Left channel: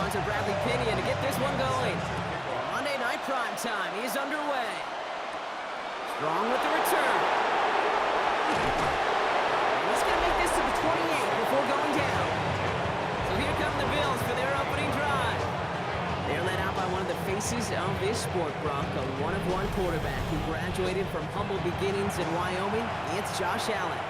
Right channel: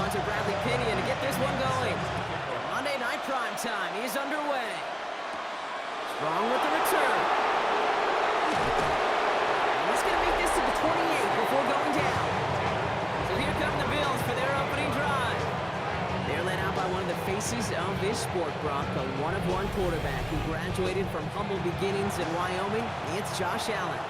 punter Bradley Pinion to get this one going. Monday Night Prime Time is underway. Strong with the return. And he's going to make this to the 28 before going down. So here come the Bills for their opening drive. They're led out by one of the faces of this sport, Brock, a one-of-one quarterback who graduated from humble beginnings in Wyoming. It's Josh Allen.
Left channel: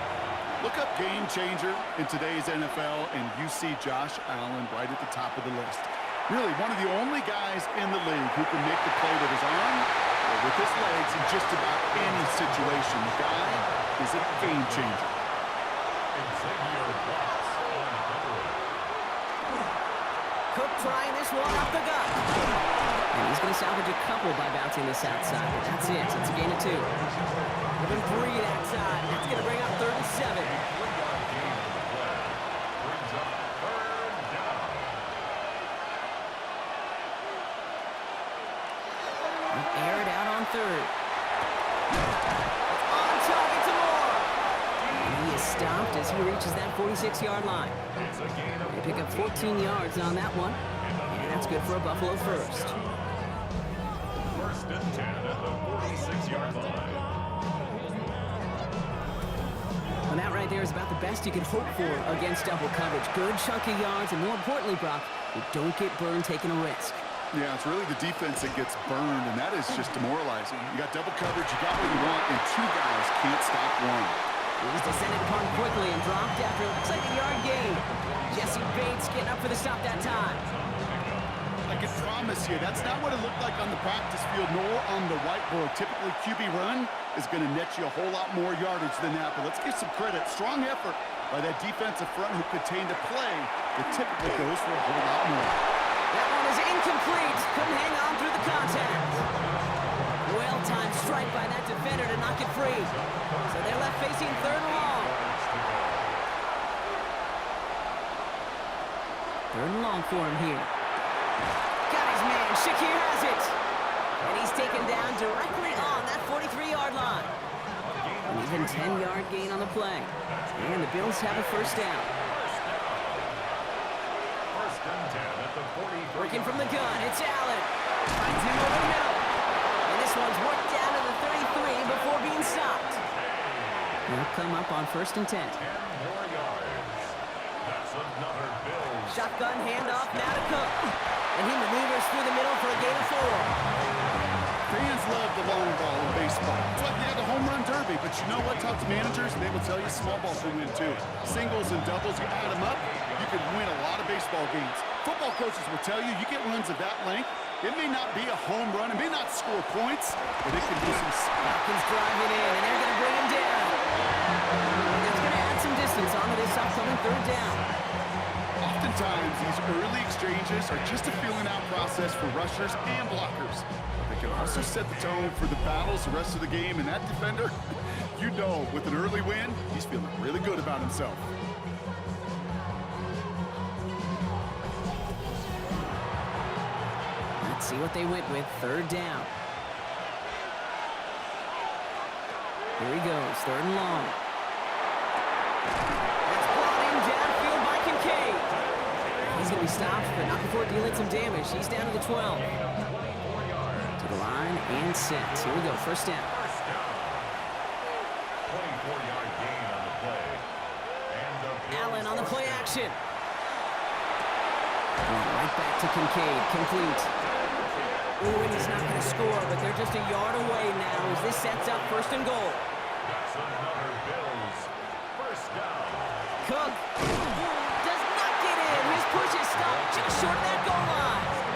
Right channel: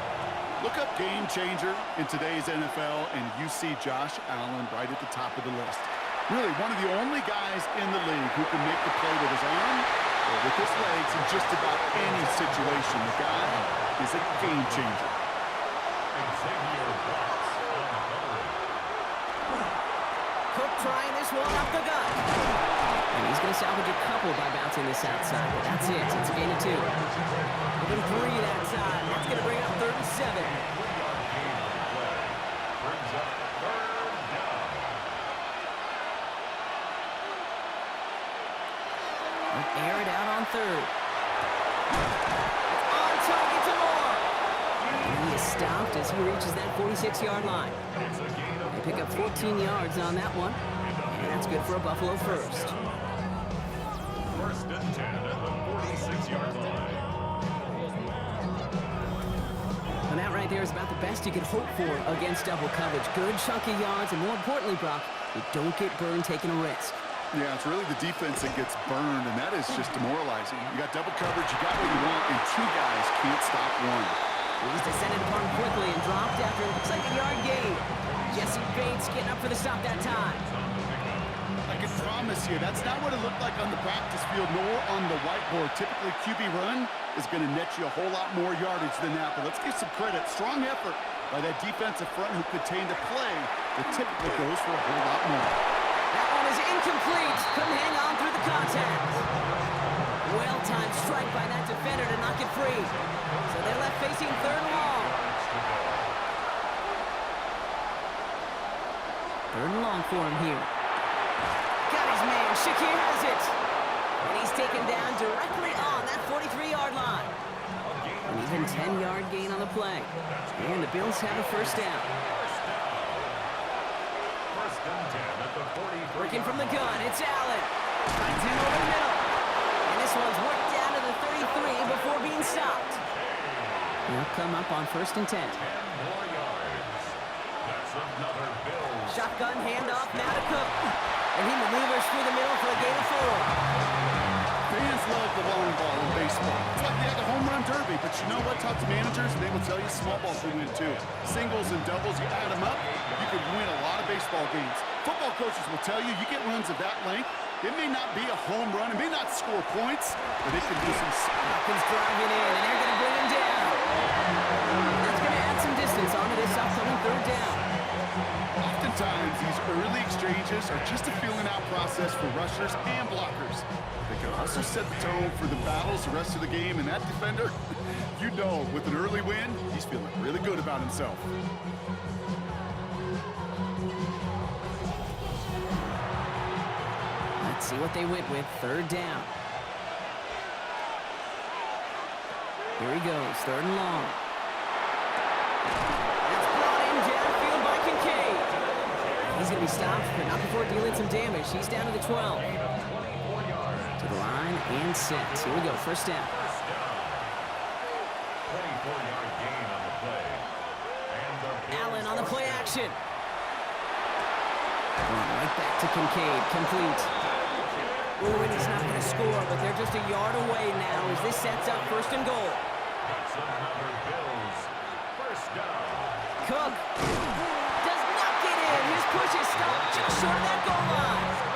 Look up game changer in today's NFL, and you see Josh Allen right at the top of the list. Really, one of the only guys in the league who can make the play with his arm or with his legs in just about any situation. The guy is a game changer. Cook trying this one up the gut. And he's going to salvage a couple by bouncing this outside, but that's it. It's a gain of 2. Give him 3 that time. That's going to bring up 3rd and 7. Air it out on 3rd. On target to Moore. And he is stopped as he reaches that 46-yard line. They pick up 14 yards on that one. And that's good for a Buffalo first. 1st and 10 at the 46-yard line. Well, that right there is about the best you could hope for against double coverage. Good chunky yards, and more importantly, Brock, you don't get burned taking a risk. Yeah, it's really the defense that gets burned, and that is just demoralizing. You got double coverage, you got what you want, and 2 guys can't stop one. He was descended upon quickly and dropped after it looks like a yard gain. Jesse Bates getting up for the stop that time. I can promise you, that's not what it looked like on the practice field nor on the whiteboard. Typically, QB run is going to net you a whole lot more yardage than that. But let's give some credit. Strong effort by that defensive front who contained a play that typically goes for a whole lot more. That one is incomplete. Couldn't hang on through the contact. Well-timed strike by that defender to knock it free. So they're left facing 3rd and long. 3rd and long for him here. Got his man. Shakir has it. And he's taken down directly on that 43-yard line. An even 10-yard gain on the play. And the Bills have a 1st down. 1st and 10 at the 43. Working from the gun, it's Allen. Finds him over the middle. And this one's worked down to the 33 before being stopped. They'll come up on 1st and 10. 10 more yards. That's another Bills. Shotgun handoff now to Cook. And he maneuvers through the middle for a gain of 4. Fans love the long ball in baseball. It's like they had the home run derby, but you know what? Talk to managers, and they will tell you small balls can win too. Singles and doubles, you add them up, you can win a lot of baseball games. Football coaches will tell you, you get runs of that length, it may not be a home run, it may not score points, but it can do some... Falcons driving in, and they're going to bring him down. And that's going to add some distance onto this upcoming 3rd down. Oftentimes, these early exchanges are just a feeling-out process for rushers and blockers. They can also set the tone for the battles the rest of the game, and that defender, you know, with an early win, he's feeling really good about himself. Let's see what they went with. 3rd down. Here he goes, 3rd and long. That's brought in downfield by Kincaid. He's going to be stopped, but not before dealing some damage. He's down to the 12. To the line and set. Here we go, 1st down. 24-yard gain on the play. Allen on the play action. Going right back to Kincaid, complete. Ooh, and he's not going to score, but they're just a yard away now as this sets up 1st and goal. That's another Bills 1st down. Cook does not get in. His push is stopped just short of that goal line.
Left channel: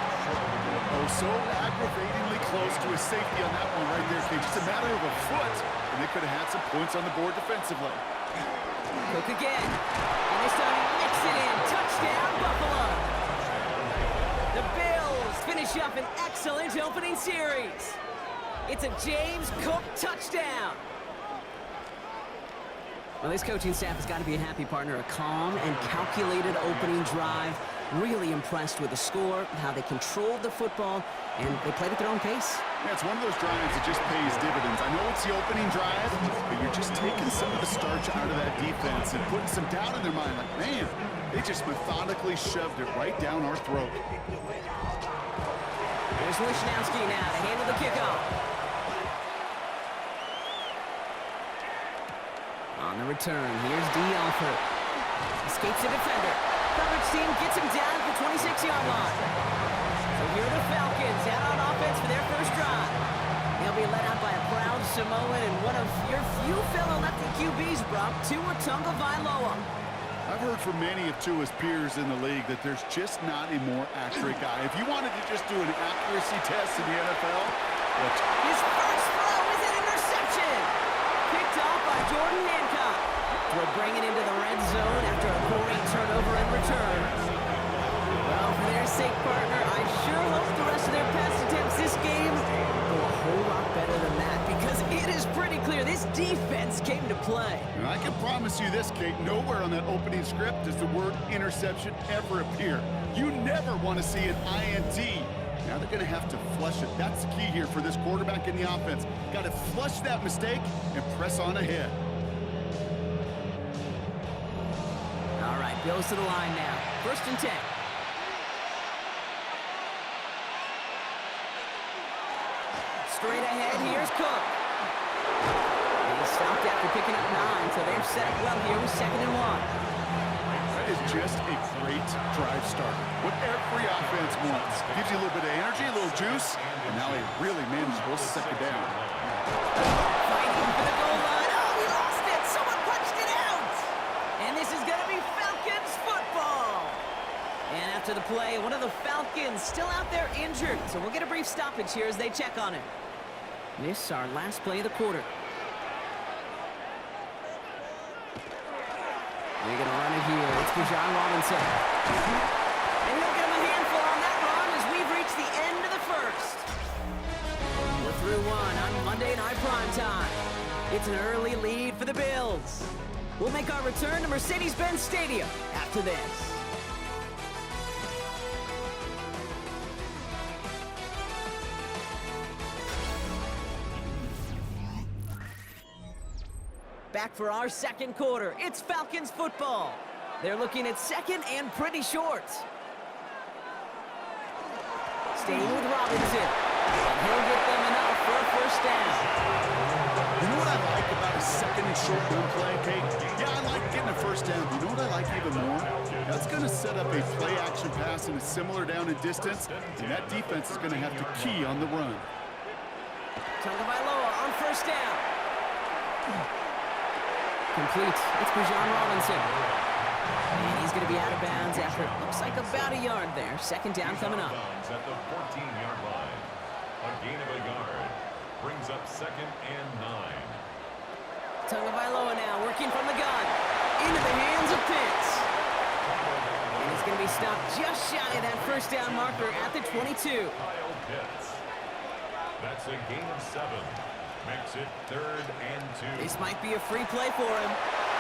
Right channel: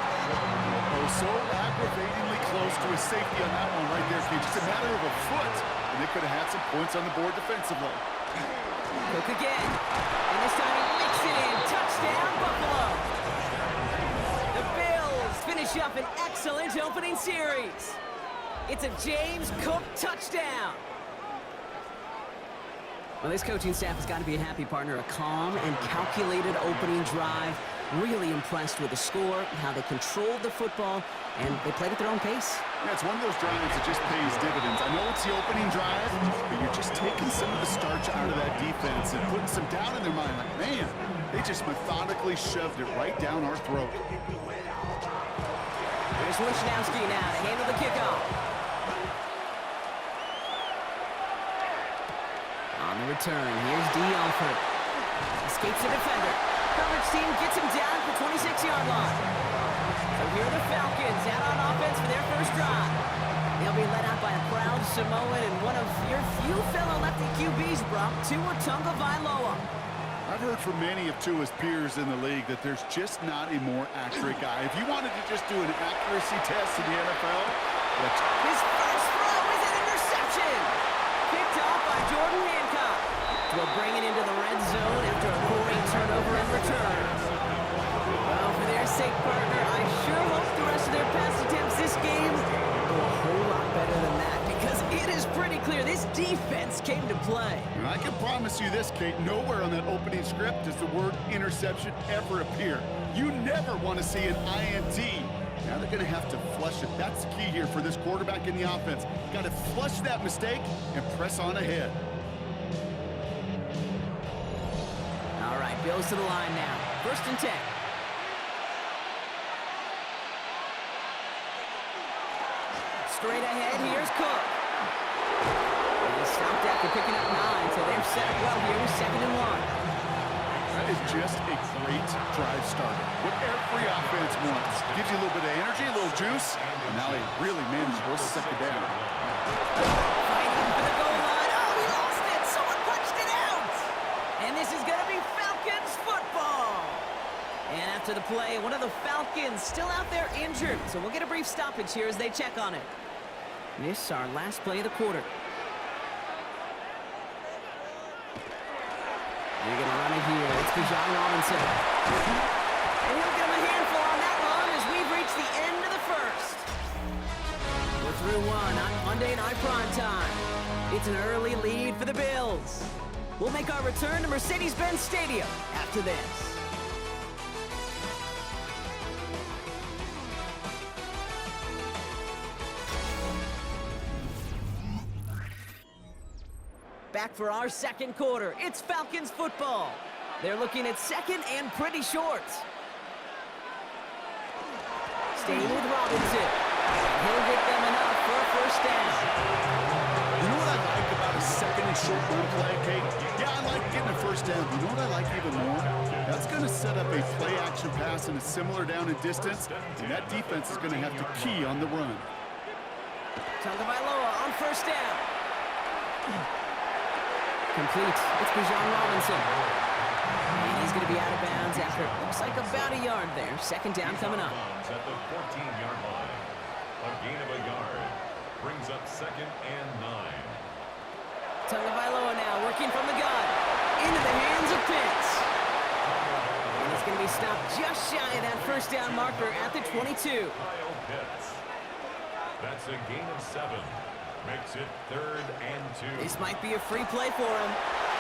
Oh, so aggravatingly close to his safety on that one right there, Kate. Just a matter of a foot, and they could have had some points on the board defensively. Cook again. And this time he makes it in. Touchdown, Buffalo. The Bills finish up an excellent opening series. It's a James Cook touchdown. Well, this coaching staff has got to be a happy partner. A calm and calculated opening drive. Really impressed with the score, how they controlled the football, and they played at their own pace. Yeah, it's one of those drives that just pays dividends. I know it's the opening drive, but you're just taking some of the starch out of that defense and putting some doubt in their mind. Like, man, they just methodically shoved it right down our throat. There's Wishnowski now to handle the kickoff. On the return, here's D. Alford. Escapes the defender. Coverage team gets him down at the 26-yard line. So here are the Falcons out on offense for their first drive. They'll be led out by a proud Samoan and one of your few fellow lefty QBs, Brock, Tua Tagovailoa. I've heard from many of Tua's peers in the league that there's just not a more accurate guy. If you wanted to just do an accuracy test in the NFL, his first throw is an interception. Picked off by Jordan Hancock. Will bring it into the red zone after a boring turnover and return. Well, for their sake, partner, I sure hope the rest of their pass attempts this game go a whole lot better than that, because it is pretty clear this defense came to play. and I can promise you this, Kate, nowhere on that opening script does the word interception ever appear. You never want to see an INT. Now they're going to have to flush it. That's the key here for this quarterback in the offense. Got to flush that mistake and press on ahead. All right, Bills to the line now. 1st and 10. Straight ahead, here's Cook. And he stopped after picking up 9, so they're set up well here with 2nd and 1. That is just a great drive starter. What every offense wants. Gives you a little bit of energy, a little juice, and now a really manageable 2nd down. Fighting for the goal line. Oh, he lost it. Someone punched it out. And this is going to be Falcons football. And after the play, one of the Falcons still out there injured. So we'll get a brief stoppage here as they check on him. This is our last play of the quarter. They're going to run it here. It's Bijan Robinson. And he'll get him a handful on that run as we've reached the end of the first. We're through one on Monday Night Primetime. It's an early lead for the Bills. We'll make our return to Mercedes-Benz Stadium after this. Back for our 2nd quarter. It's Falcons football. They're looking at 2nd and pretty short. Staying with Robinson. And he'll get them enough for a 1st down. You know what I like about a 2nd and short run play, Kate? Yeah, I like getting a 1st down. But you know what I like even more? That's going to set up a play-action pass in a similar down and distance, and that defense is going to have to key on the run. Tagovailoa on 1st down. Complete. It's Bijan Robinson. And he's going to be out of bounds after, looks like about a yard there. 2nd down coming up. At the 14-yard line. A gain of a yard. Brings up 2nd and 9. Tagovailoa now working from the gun. Into the hands of Pitts. And he's going to be stopped just shy of that 1st down marker at the 22. Kyle Pitts. That's a gain of 7. Makes it 3rd and 2. This might be a free play for him.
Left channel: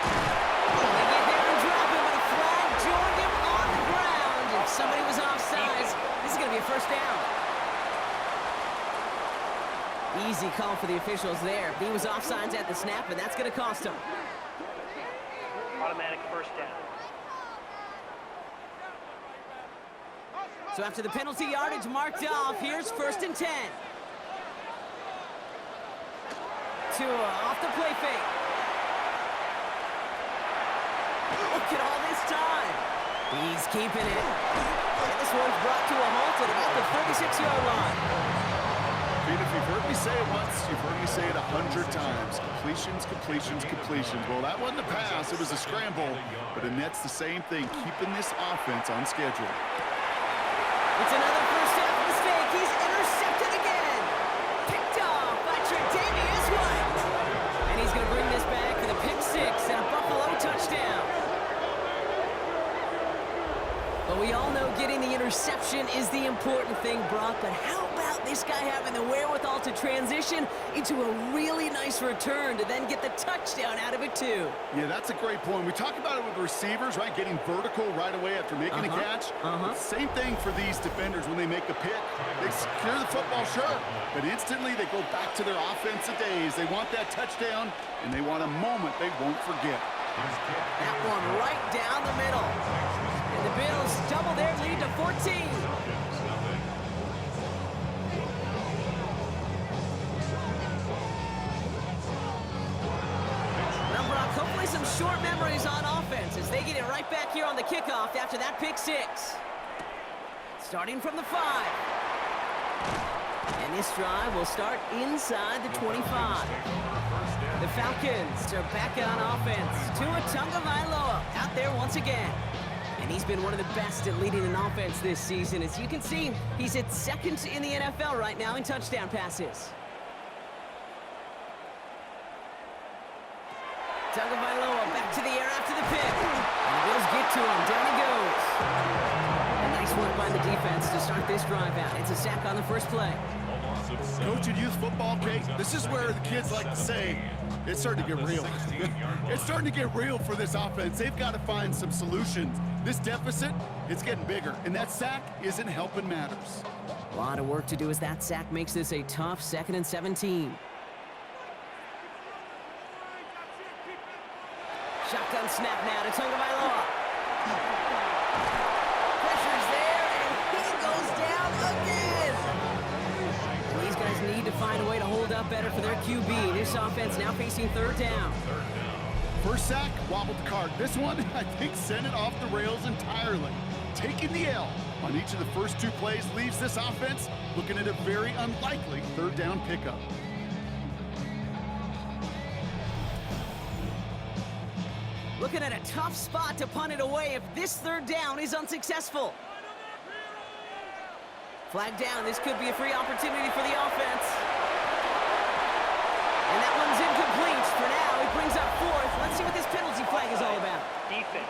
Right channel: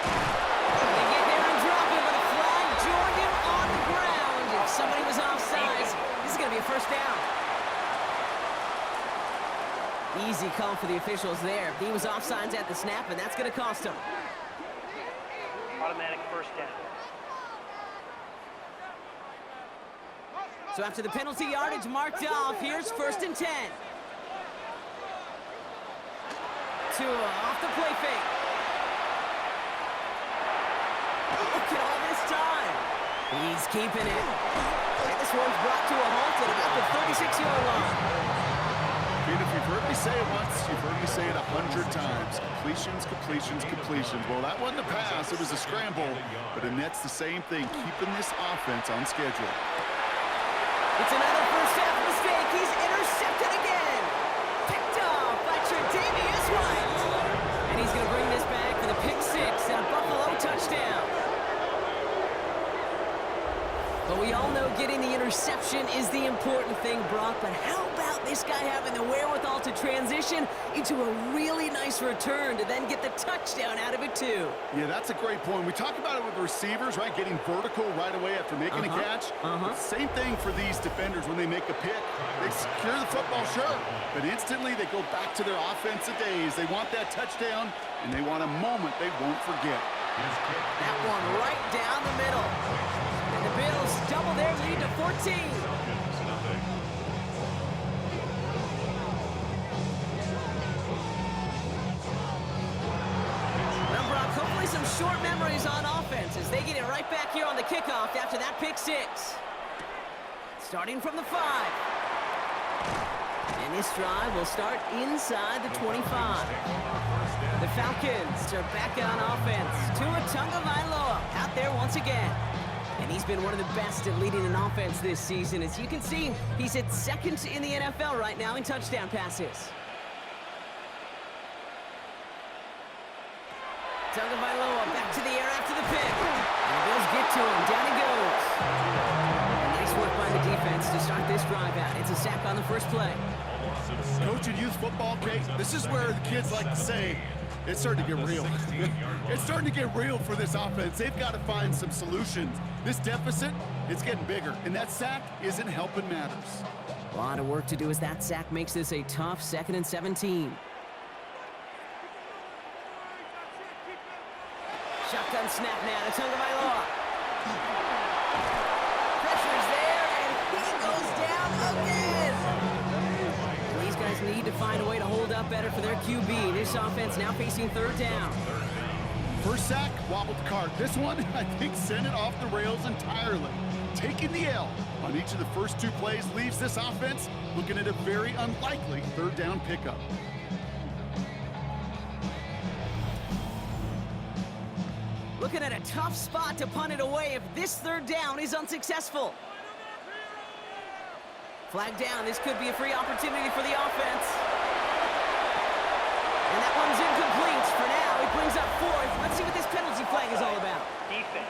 They get there and drop him, but a flag joined him on the ground. If somebody was offsides, this is going to be a 1st down. Easy call for the officials there. He was offsides at the snap, and that's going to cost him. Automatic 1st down. So after the penalty yardage marked off, here's 1st and 10. Tua off the play fake. Look at all this time. He's keeping it. And this one's brought to a halt at about the 36-yard line. Pete, if you've heard me say it once, you've heard me say it 100 times. Completions, completions, completions. Well, that wasn't a pass. It was a scramble. But Annette's the same thing, keeping this offense on schedule. It's another 1st half mistake. He's intercepted again. Picked off by Tre'Davious White. And he's going to bring this back for the pick 6 and a Buffalo touchdown. Well, we all know getting the interception is the important thing, Brock, but how about this guy having the wherewithal to transition into a really nice return to then get the touchdown out of it, too? Yeah, that's a great point. We talk about it with receivers, right? Getting vertical right away after making a catch. Same thing for these defenders when they make a pick. They secure the football, sure, but instantly they go back to their offensive days. They want that touchdown, and they want a moment they won't forget. That one right down the middle. And the Bills double their lead to 14. Well, Brock, hopefully some short memories on offense as they get it right back here on the kickoff after that pick six. Starting from the 5. And this drive will start inside the 25. The Falcons are back on offense. Tua Tagovailoa out there once again. And he's been one of the best at leading an offense this season. As you can see, he's at second in the NFL right now in touchdown passes. Tagovailoa back to the air after the pick. And the Bills get to him. Down he goes. And nice work by the defense to start this drive out. It's a sack on the first play. Coaching youth football, Kate, this is where the kids like to say, it's starting to get real. It's starting to get real for this offense. They've got to find some solutions. This deficit, it's getting bigger, and that sack isn't helping matters. A lot of work to do as that sack makes this a tough 2nd and 17. Shotgun snap now to Tagovailoa. Pressure's there, and he goes down again. And these guys need to find a way to hold up better for their QB. This offense now facing 3rd down. First sack, wobbled the cart. This one, I think, sent it off the rails entirely. Taking the L on each of the first 2 plays leaves this offense looking at a very unlikely 3rd down pickup. Looking at a tough spot to punt it away if this 3rd down is unsuccessful. Flag down. This could be a free opportunity for the offense. And that one's incomplete for now. He brings up 4th. Let's see what this penalty flag is all about. Defense.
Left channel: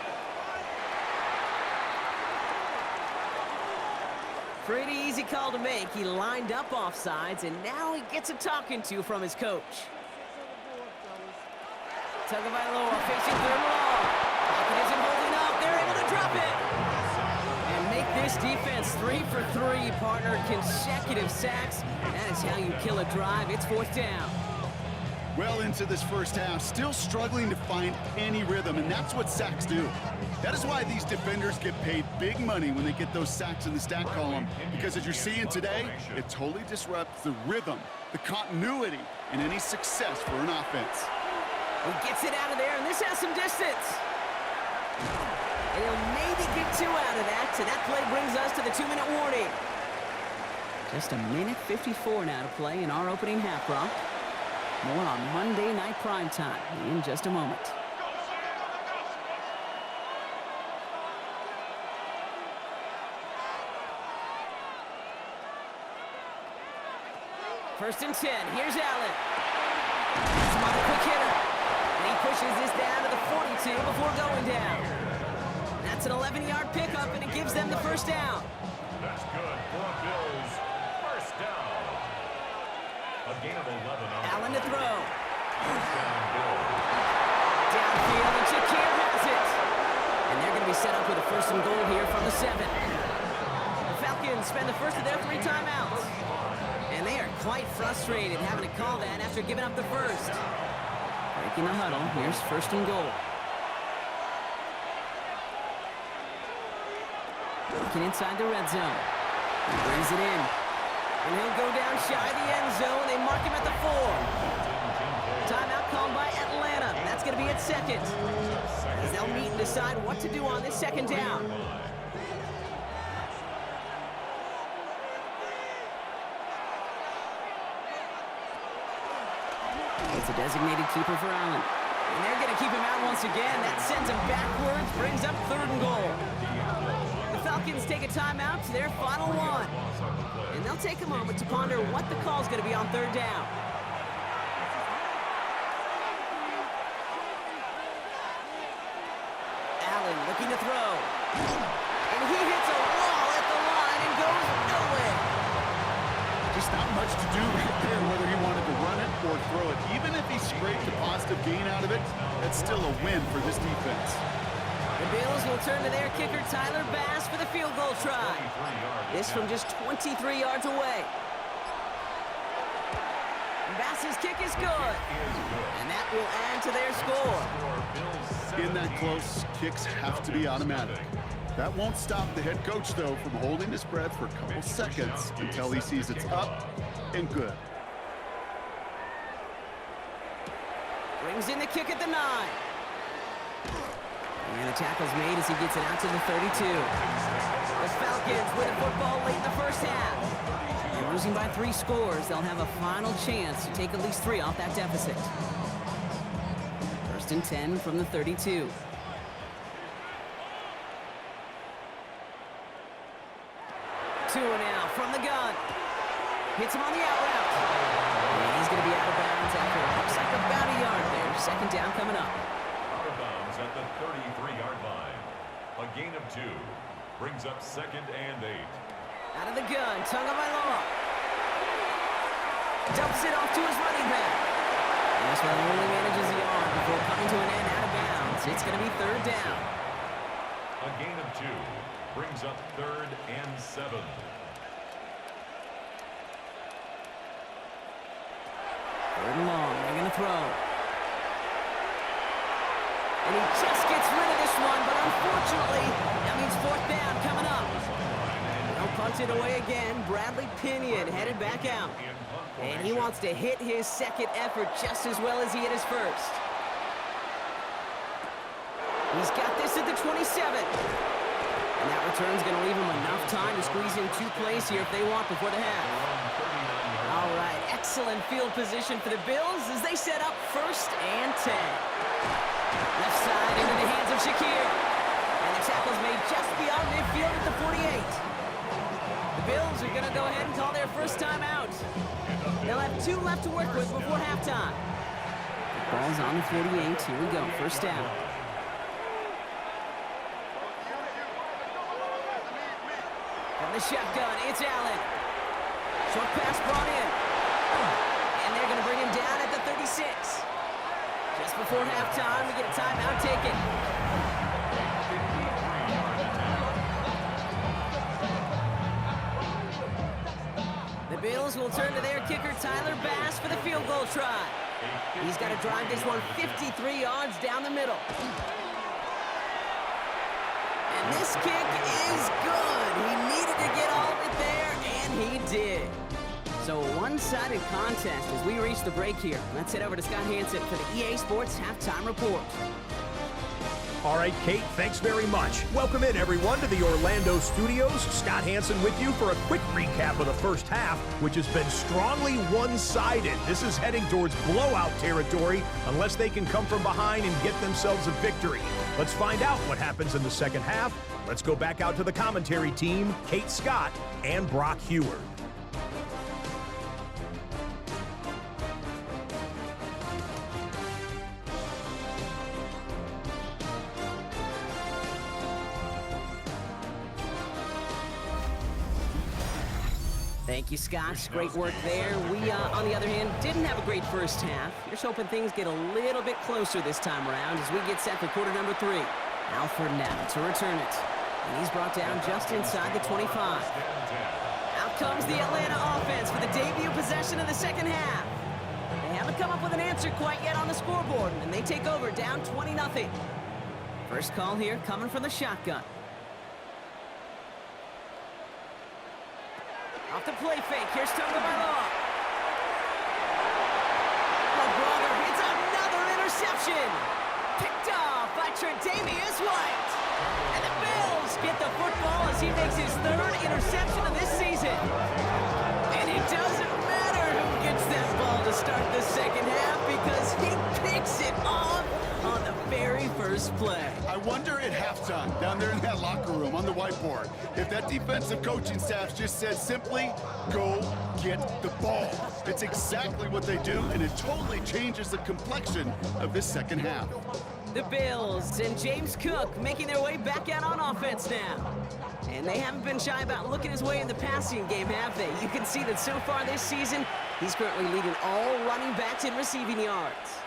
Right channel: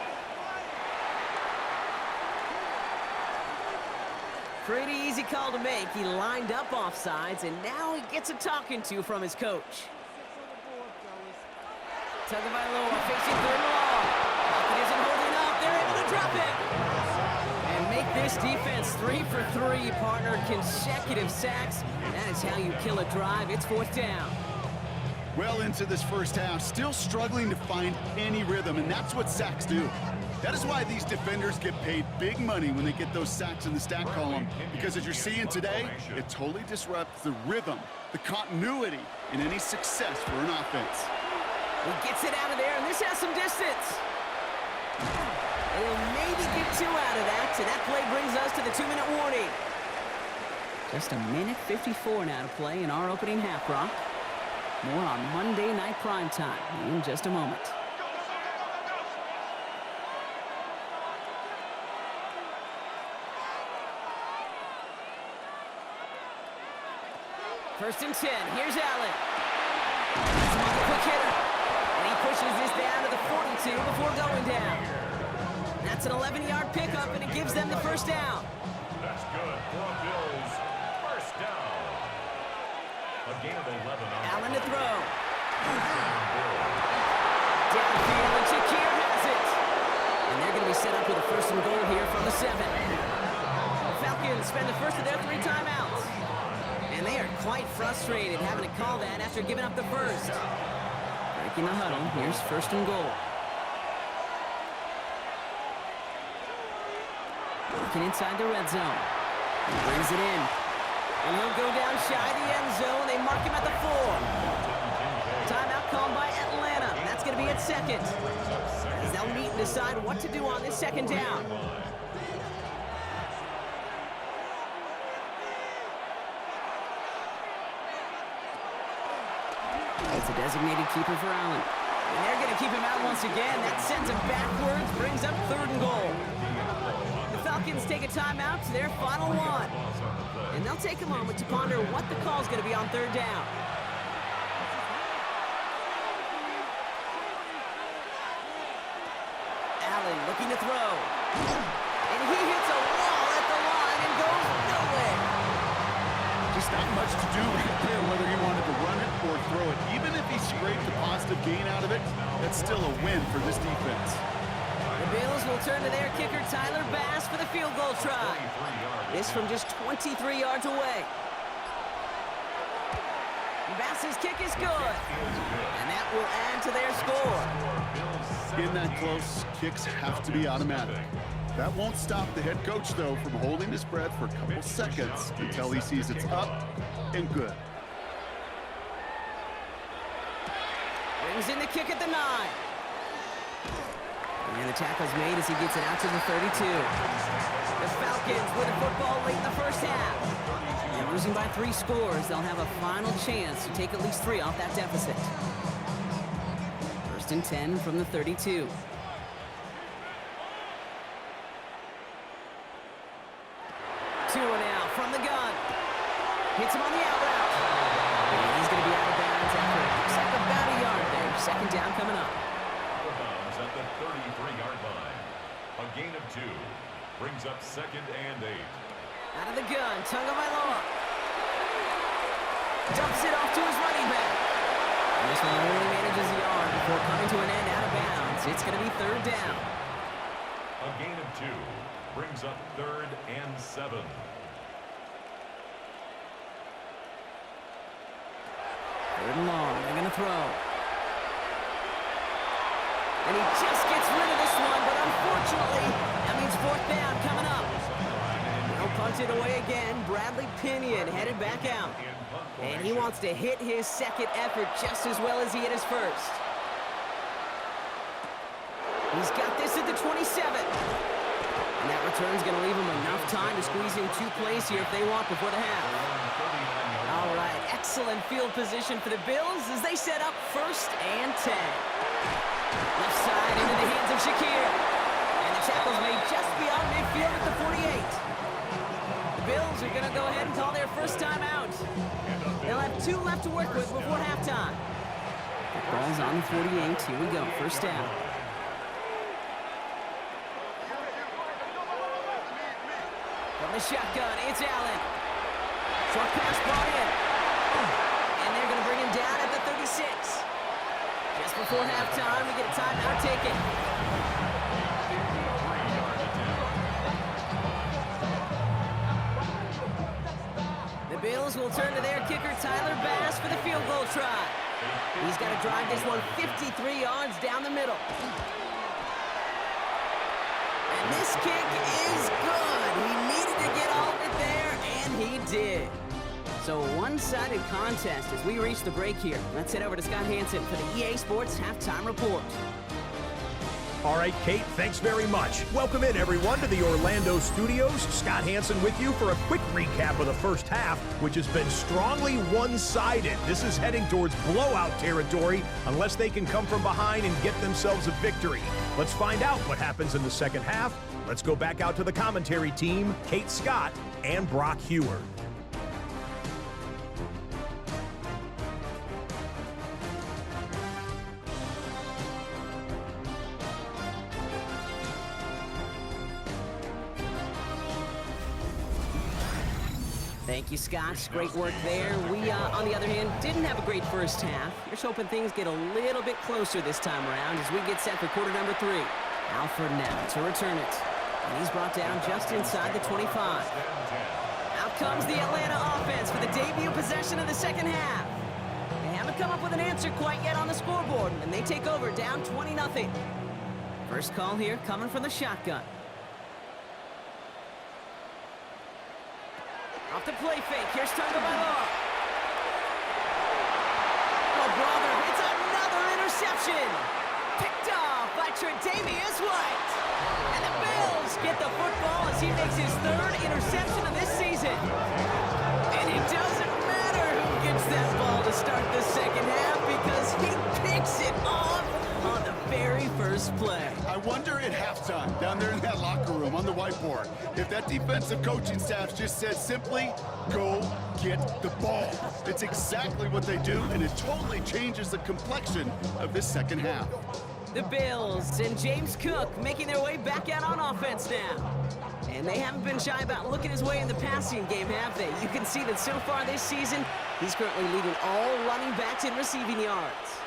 Pretty easy call to make. He lined up offsides, and now he gets a talking to from his coach. Tagovailoa facing 3rd and long. Pocket isn't holding up. They're able to drop it. And make this defense 3 for 3, partner. Consecutive sacks. That is how you kill a drive. It's 4th down. Well into this first half, still struggling to find any rhythm, and that's what sacks do. That is why these defenders get paid big money when they get those sacks in the stat column, because as you're seeing today, it totally disrupts the rhythm, the continuity, and any success for an offense. He gets it out of there, and this has some distance. And he'll maybe get 2 out of that, so that play brings us to the 2-minute warning. Just a minute 54 now to play in our opening half, Brock. More on Monday Night Primetime in just a moment. First and 10. Here's Allen. That's him on the quick hitter. And he pushes this down to the 42 before going down. That's an 11-yard pickup, and it gives them the first down. That's good for a Bills first down. A gain of 11 on Allen to throw. First down, Bills. Downfield, and Shakir has it. And they're going to be set up with a 1st and goal here from the 7. The Falcons spend the first of their 3 timeouts. And they are quite frustrated having to call that after giving up the first. Breaking the huddle, here's 1st and goal. Working inside the red zone. He brings it in. And he'll go down shy of the end zone. They mark him at the 4. Timeout called by Atlanta. That's going to be at 2nd. As they'll meet and decide what to do on this 2nd down. It's a designated keeper for Allen. And they're going to keep him out once again. That sends him backwards, brings up 3rd and goal. The Falcons take a timeout to their final 1. And they'll take a moment to ponder what the call's going to be on 3rd down. Allen looking to throw. And he hits a wall at the line and goes nowhere. Just not much to do right there, whether he wanted to run it or throw it. Even if he scraped a positive gain out of it, that's still a win for this defense. The Bills will turn to their kicker, Tyler Bass, for the field goal try. This from just 23 yards away. Bass's kick is good. And that will add to their score. In that close, kicks have to be automatic. That won't stop the head coach, though, from holding his breath for a couple seconds until he sees it's up and good. Brings in the kick at the 9. And the tackle's made as he gets it out to the 32. The Falcons with the football late in the first half. And losing by 3 scores, they'll have a final chance to take at least 3 off that deficit. 1st and 10 from the 32. Tua now from the gun. Hits him on the out route. And he's going to be out of bounds after it looks like about a yard there. 2nd down coming up. Out of bounds at the 33-yard line. A gain of 2. Brings up 2nd and 8. Out of the gun, Tagovailoa. Dumps it off to his running back. And this one only manages the yard before coming to an end out of bounds. It's going to be 3rd down. A gain of 2. Brings up 3rd and 7. Third and long, they're going to throw. And he just gets rid of this one, but unfortunately, that means 4th down coming up. They'll punt it away again. Bradley Pinion headed back out. And he wants to hit his 2nd effort just as well as he hit his 1st. He's got this at the 27. And that return's going to leave him enough time to squeeze in 2 plays here if they want before the half. All right, excellent field position for the Bills as they set up 1st and 10. Left side into the hands of Shakir. And the tackle's made just beyond midfield at the 48. The Bills are going to go ahead and call their first timeout. They'll have 2 left to work with before halftime. The ball's on the 48. Here we go, 1st down. From the shotgun, it's Allen. Short pass brought in. And they're going to bring him down at the 36. Just before halftime, we get a timeout taken. The Bills will turn to their kicker, Tyler Bass, for the field goal try. He's got to drive this one 53 yards down the middle. And this kick is good. He needed to get all of it there, and he did. So a one-sided contest as we reach the break here. Let's head over to Scott Hansen for the EA Sports Halftime Report. All right, Kate, thanks very much. Welcome in, everyone, to the Orlando studios. Scott Hansen with you for a quick recap of the first half, which has been strongly one-sided. This is heading towards blowout territory unless they can come from behind and get themselves a victory. Let's find out what happens in the second half. Let's go back out to the commentary team, Kate Scott and Brock Heward. Thank you, Scott. Great work there. We, on the other hand, didn't have a great first half. Here's hoping things get a little bit closer this time around as we get set for quarter number 3. Alford now to return it. And he's brought down just inside the 25. Out comes the Atlanta offense for the debut possession of the second half. They haven't come up with an answer quite yet on the scoreboard, and they take over down 20-0. First call here coming from the shotgun. Off the play fake, here's Tagovailoa. Oh, brother, it's another interception. Picked off by Tre'Davious White. And the Bills get the football as he makes his 3rd interception of this season. And it doesn't matter who gets that ball to start the second half because he picks it off on the very first play. I wonder at halftime, down there in that locker room on the whiteboard, if that defensive coaching staff just said simply, go get the ball. It's exactly what they do, and it totally changes the complexion of this second half. The Bills and James Cook making their way back out on offense now. And they haven't been shy about looking his way in the passing game, have they? You can see that so far this season, he's currently leading all running backs in receiving yards.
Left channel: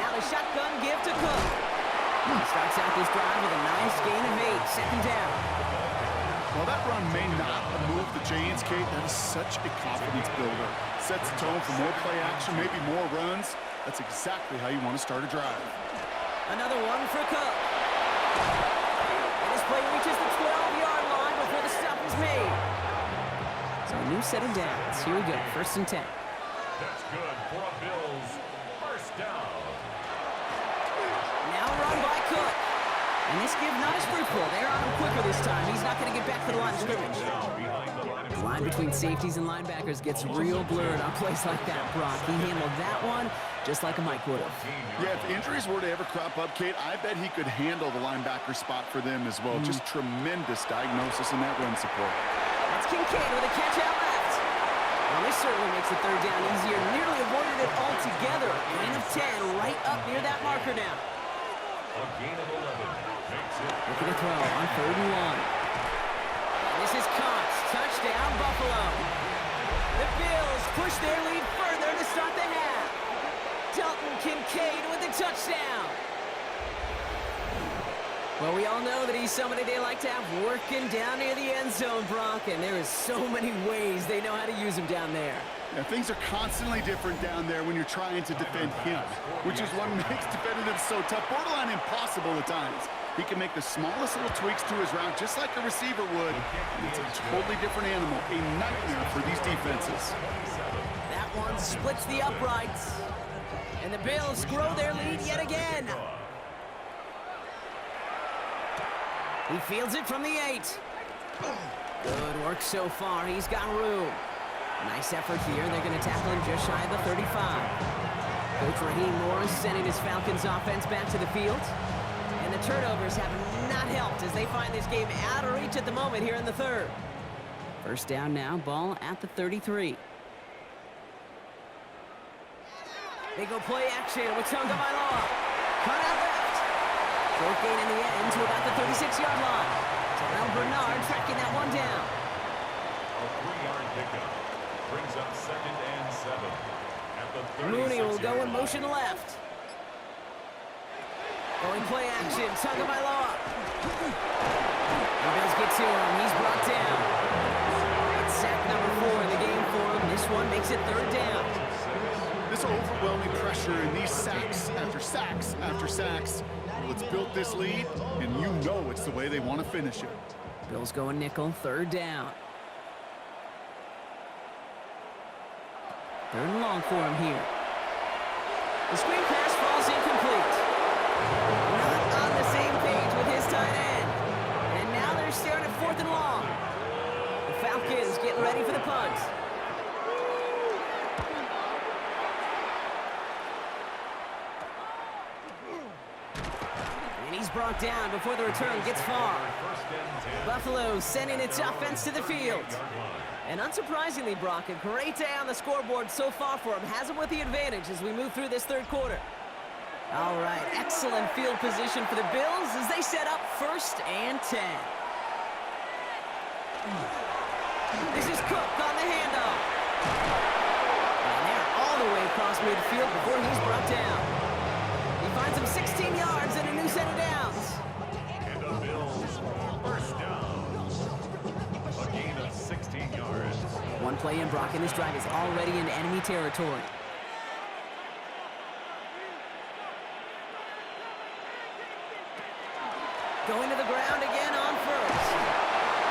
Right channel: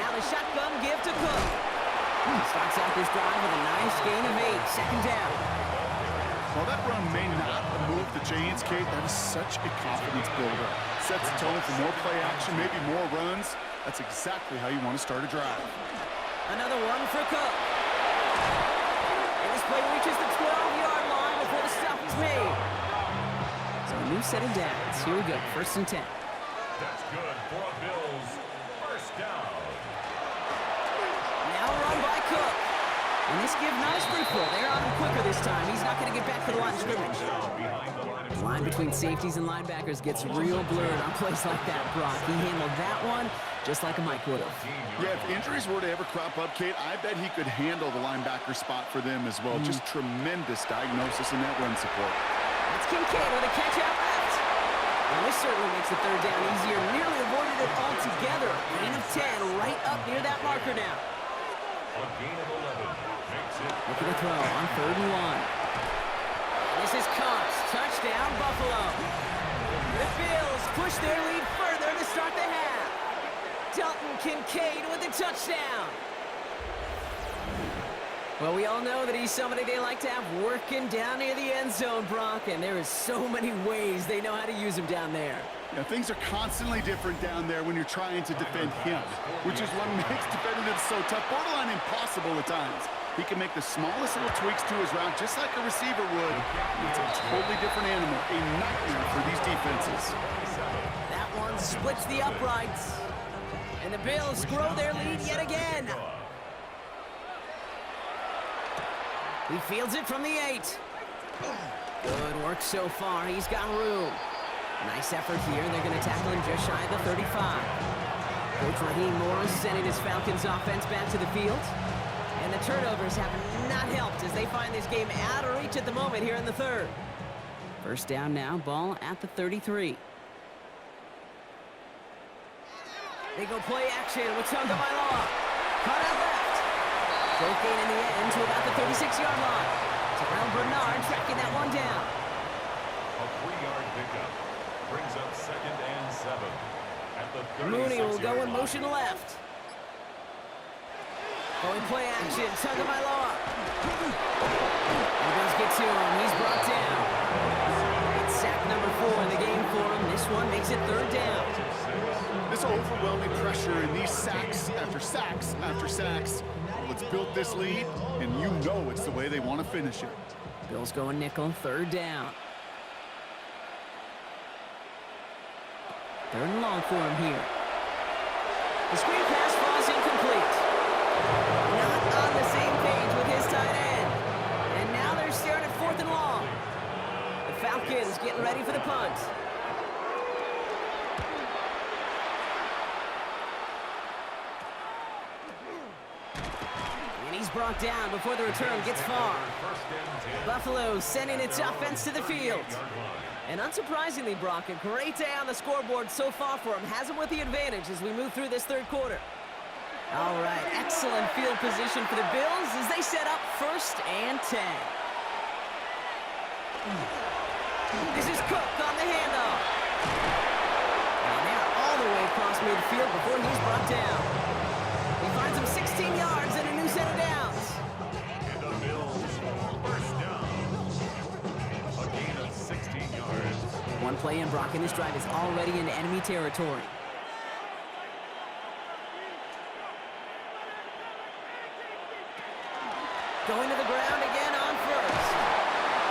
Now the shotgun give to Cook. He starts out this drive with a nice gain of 8, second down. While that run may not move the chains, Kate, that is such a confidence builder. Sets the tone for more play action, maybe more runs. That's exactly how you want to start a drive. Another one for Cook. And this play reaches the 12-yard line before the stop is made. So a new set of downs. Here we go, 1st and 10. That's good for a Bills first down. Now run by Cook. And this give not as fruitful. They're on him quicker this time. He's not going to get back to the line of scrimmage. The line between safeties and linebackers gets real blurred on plays like that, Brock. He handled that one just like a Mike would have. Yeah, if injuries were to ever crop up, Kate, I bet he could handle the linebacker spot for them as well. Just tremendous diagnosis in that run support. That's Kincaid with a catch out left. Well, this certainly makes the 3rd down easier. Nearly avoided it altogether. Gain of 10 right up near that marker now. A gain of 11 makes it. Looking to throw on 3rd and 1. And this is caught. Touchdown, Buffalo. The Bills push their lead further to start the half. Dalton Kincaid with the touchdown. Well, we all know that he's somebody they like to have working down near the end zone, Brock, and there is so many ways they know how to use him down there. Yeah, things are constantly different down there when you're trying to defend him, which is what makes defending him so tough, borderline impossible at times. He can make the smallest little tweaks to his route just like a receiver would. It's a totally different animal, a nightmare for these defenses. That one splits the uprights, and the Bills grow their lead yet again. He fields it from the 8. Good work so far. He's got room. Nice effort here. They're going to tackle him just shy of the 35. Coach Raheem Morris sending his Falcons offense back to the field. And the turnovers have not helped as they find this game out of reach at the moment here in the 3rd. 1st down now, ball at the 33. They go play action with Tagovailoa. Cut out left. Short gain in the end to about the 36-yard line. Terrell Bernard tracking that one down. A 3-yard pickup brings up 2nd and 7 at the 36-yard line. Mooney will go in motion left. Going play action, Tagovailoa. And Bills get to him. He's brought down. It's sack number 4 in the game for him. This one makes it 3rd down. This overwhelming pressure and these sacks after sacks after sacks. Well, it's built this lead, and you know it's the way they want to finish it. Bills going nickel, 3rd down. 3rd and long for him here. The screen pass falls incomplete. Not on the same page with his tight end. And now they're staring at 4th and long. The Falcons getting ready for the punt. And he's brought down before the return gets far. Buffalo sending its offense to the field. And unsurprisingly, Brock, a great day on the scoreboard so far for him. Has him with the advantage as we move through this 3rd quarter. All right, excellent field position for the Bills as they set up 1st and 10. This is Cook on the handoff. And they're all the way across midfield before he's brought down. He finds him 16 yards and a new set of downs. And the Bills first down. A gain of 16 yards. One play in, Brock, and this drive is already into enemy territory. Going to the ground again on 1st.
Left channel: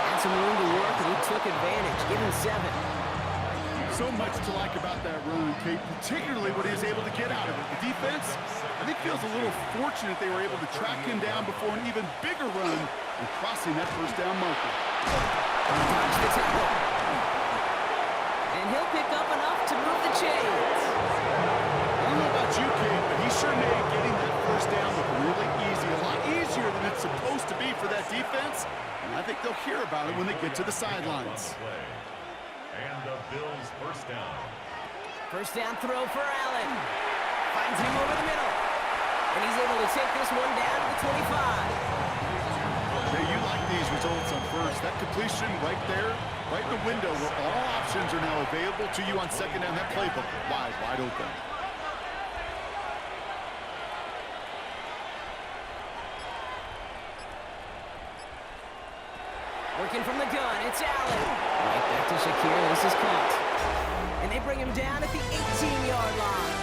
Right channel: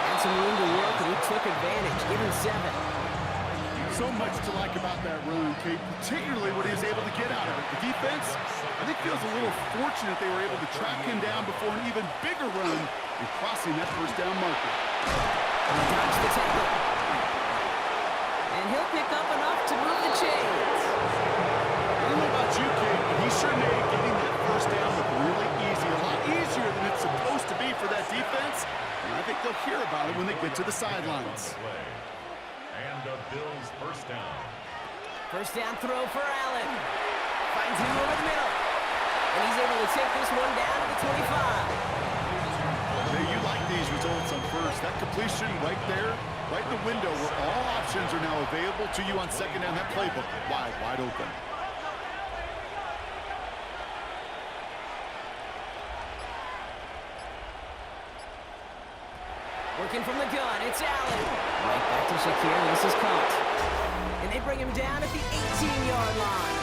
Had some room to work, and he took advantage. Give him 7. So much to like about that run, Kate, particularly what he was able to get out of it. The defense, I think, feels a little fortunate they were able to track him down before an even bigger run and crossing that 1st down marker. Dodge the tackle. And he'll pick up enough to move the chains. I don't know about you, Kate, but he sure made getting that 1st down look really easy. A lot easier than it's supposed to be for that defense. And I think they'll hear about it when they get to the sidelines. And the Bills first down. 1st down throw for Allen. Finds him over the middle. And he's able to take this one down to the 25. Hey, you like these results on first. That completion right there, right in the window where all options are now available to you on second down. That playbook wide open. Working from the gun, it's Allen. Right back to Shakir, this is caught. And they bring him down at the 18-yard line.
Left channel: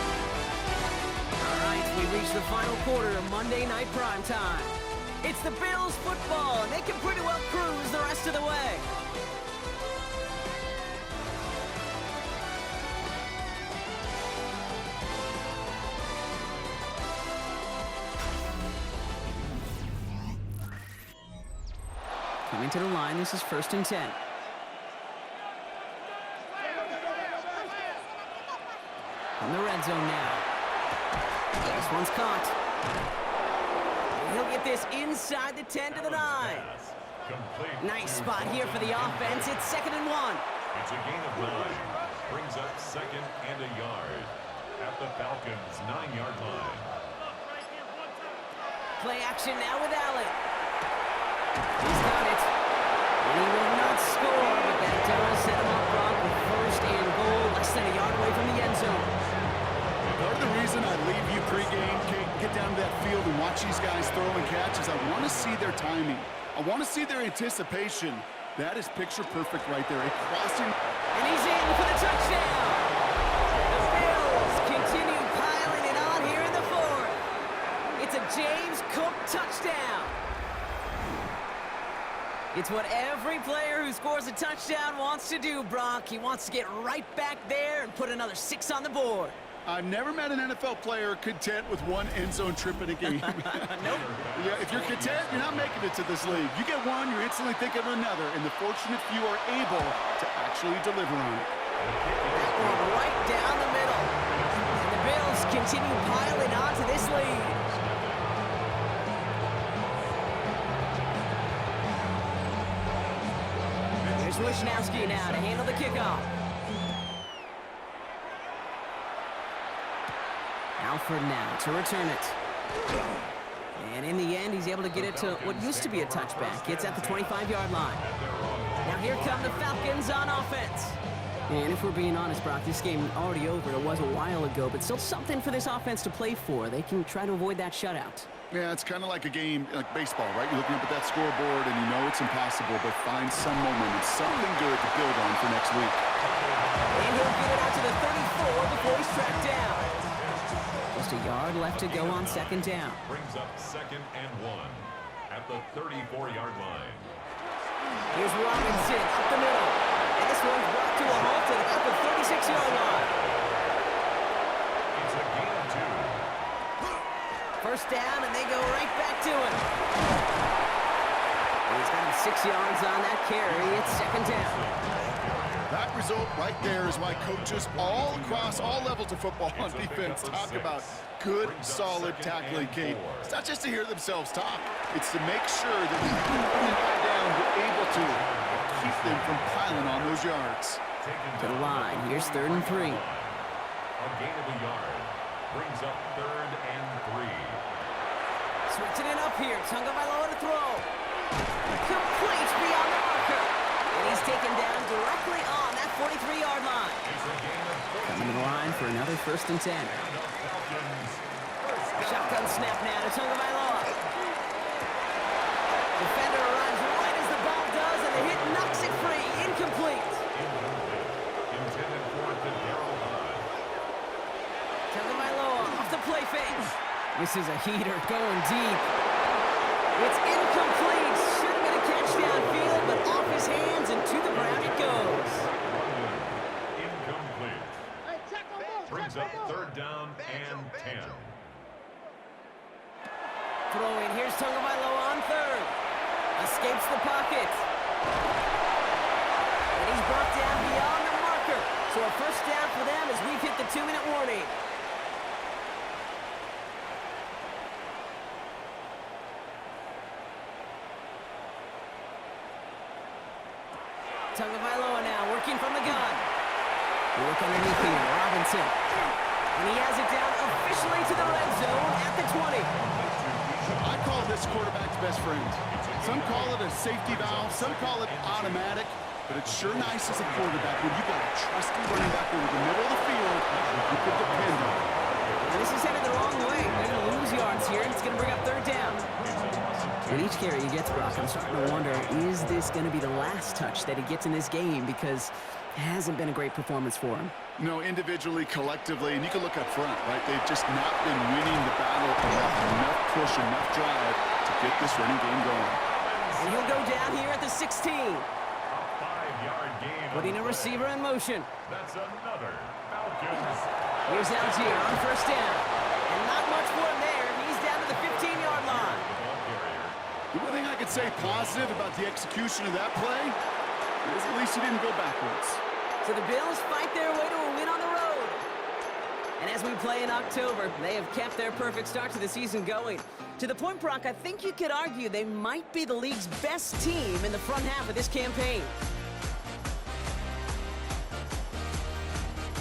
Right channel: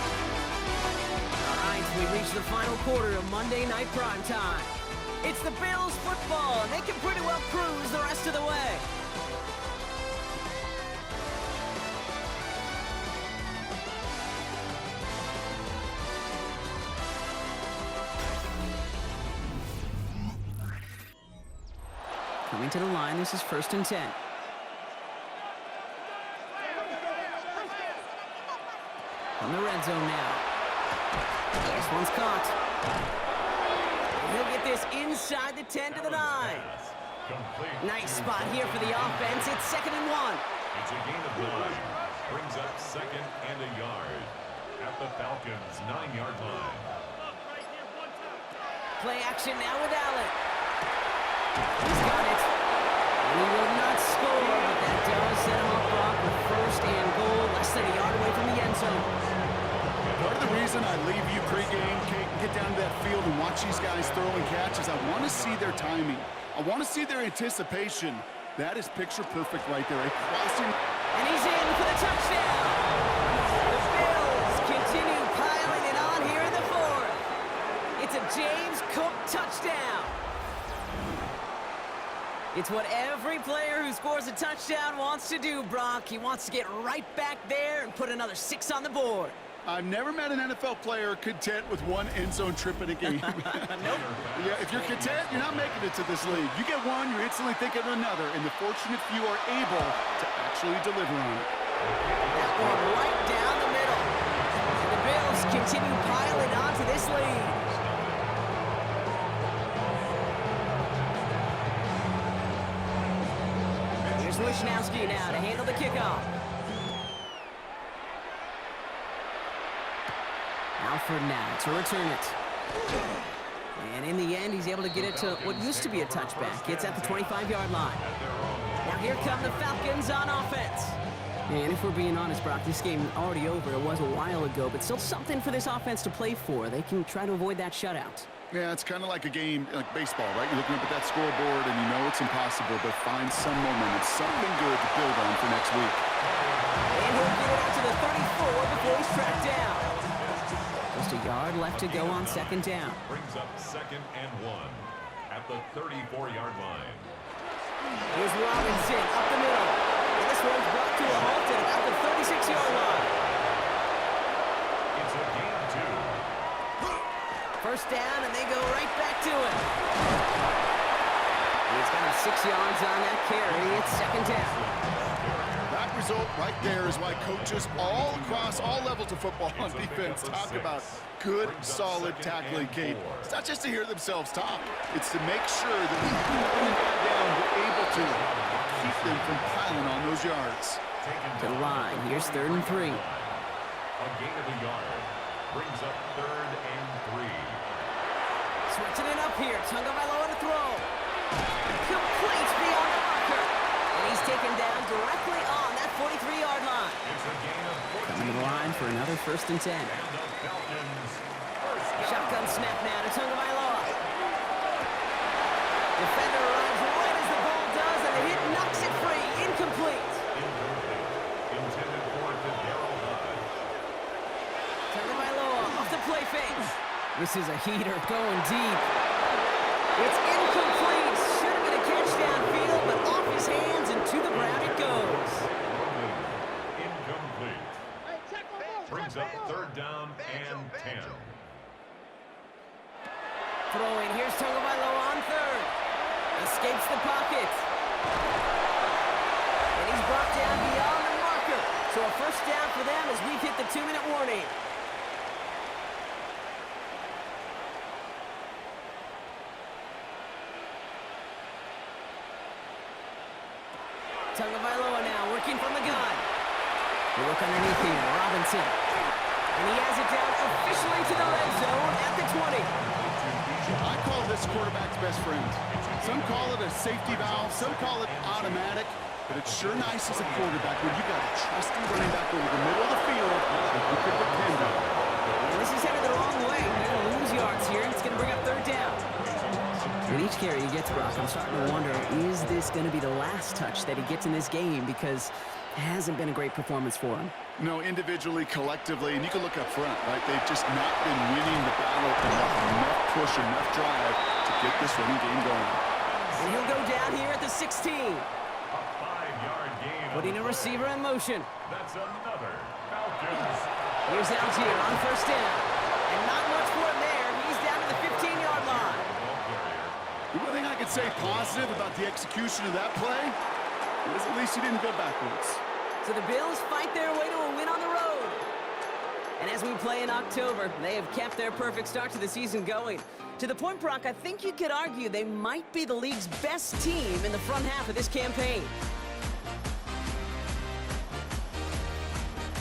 All right, we reached the final quarter of Monday Night Primetime. It's the Bills football, and they can pretty well cruise the rest of the way. Coming to the line, this is 1st and 10. From the red zone now. This one's caught. He'll get this inside the 10 to the 9. Nice spot here for the offense. It's 2nd and 1. It's a gain of 9. Brings up 2nd and a yard at the Falcons' 9-yard line. Play action now with Allen. He's got it. And he will not score, but that does set him up, Brock, with 1st and goal, less than a yard away from the end zone. Part of the reason I leave you pregame, Kate, get down to that field and watch these guys throw and catch is I want to see their timing. I want to see their anticipation. That is picture perfect right there. A crossing. And he's in for the touchdown. The Bills continue piling it on here in the 4th. It's a James Cook touchdown. It's what every player who scores a touchdown wants to do, Brock. He wants to get right back there and put another 6 on the board. I've never met an NFL player content with one end zone trip in a game. Nope. Yeah, if you're content, you're not making it to this league. You get one, you're instantly thinking of another, and the fortunate few are able to actually deliver on it. That one right down the middle. And the Bills continue piling on to this lead. Here's Wishnowski now to handle the kickoff. Alford now to return it. And in the end, he's able to get it to what used to be a touchback. It's at the 25-yard line. Now here come the Falcons on offense. And if we're being honest, Brock, this game already over. It was a while ago, but still something for this offense to play for. They can try to avoid that shutout. Yeah, it's kind of like a game, like baseball, right? You're looking up at that scoreboard, and you know it's impossible, but find some momentum, something good to build on for next week. And he'll get it out to the 34 before he's tracked down. Just a yard left to go on 2nd down. Brings up 2nd and 1 at the 34-yard line. Here's Robinson up the middle. And this one's brought to a halt at about the 36-yard line. It's a gain of 2. 1st down, and they go right back to him. And he's got him 6 yards on that carry. It's 2nd down. That result right there is why coaches all across all levels of football on defense talk about good, solid tackling, Kate. It's not just to hear themselves talk. It's to make sure that when you bring a guy down, you're able to keep them from piling on those yards. To the line. Here's 3rd and 3. A gain of a yard. Brings up 3rd and 3. Switching it up here. Tagovailoa to throw. Complete beyond the marker. And he's taken down directly on that 43-yard line. It's a gain of 14. Coming to the line for another 1st and 10. And the Falcons first down. Shotgun snap now to Tagovailoa. Defender arrives right as the ball does, and the hit knocks it free. Incomplete. Incomplete. Intended for Darrell Hud. Tagovailoa off the play fake. This is a heater going deep. It's incomplete. Should have been a catch downfield, but off his hands and to the ground it goes. London. Incomplete. Brings up 3rd down and 10. Throwing. Here's Tagovailoa on 3rd. Escapes the pocket. And he's brought down beyond the marker. So a 1st down for them as we've hit the 2-minute warning. Tagovailoa now working from the gun. We look underneath here. Robinson. And he has it down officially to the red zone at the 20. I call this quarterback's best friend. Some call it a safety valve, some call it automatic, but it's sure nice as a quarterback when you got a trusty running back over the middle of the field that you can depend on. And this is headed the wrong way. They're going to lose yards here, and it's going to bring up third down. With each carry he gets, Brock, I'm starting to wonder, is this going to be the last touch that he gets in this game? Because it hasn't been a great performance for him. No, individually, collectively, and you can look up front, right? They've just not been winning the battle enough push, enough drive to get this running game going. And he'll go down here at the 16. A 5-yard gain. Putting a receiver in motion. That's another Falcons. Here's Algier on first down. And not much for him there. He's down to the 15-yard line. The one thing I could say positive about the execution of that play is at least he didn't go backwards. So the Bills fight their way to a win on the road. And as we play in October, they have kept their perfect start to the season going. To the point, Brock, I think you could argue they might be the league's best team in the front half of this campaign.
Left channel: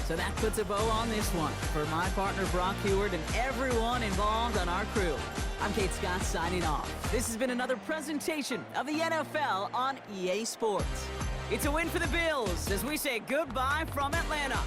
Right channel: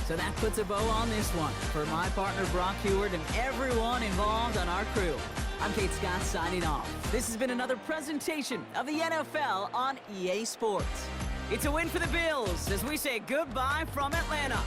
So that puts a bow on this one. For my partner, Brock Heward, and everyone involved on our crew, I'm Kate Scott signing off. This has been another presentation of the NFL on EA Sports. It's a win for the Bills as we say goodbye from Atlanta.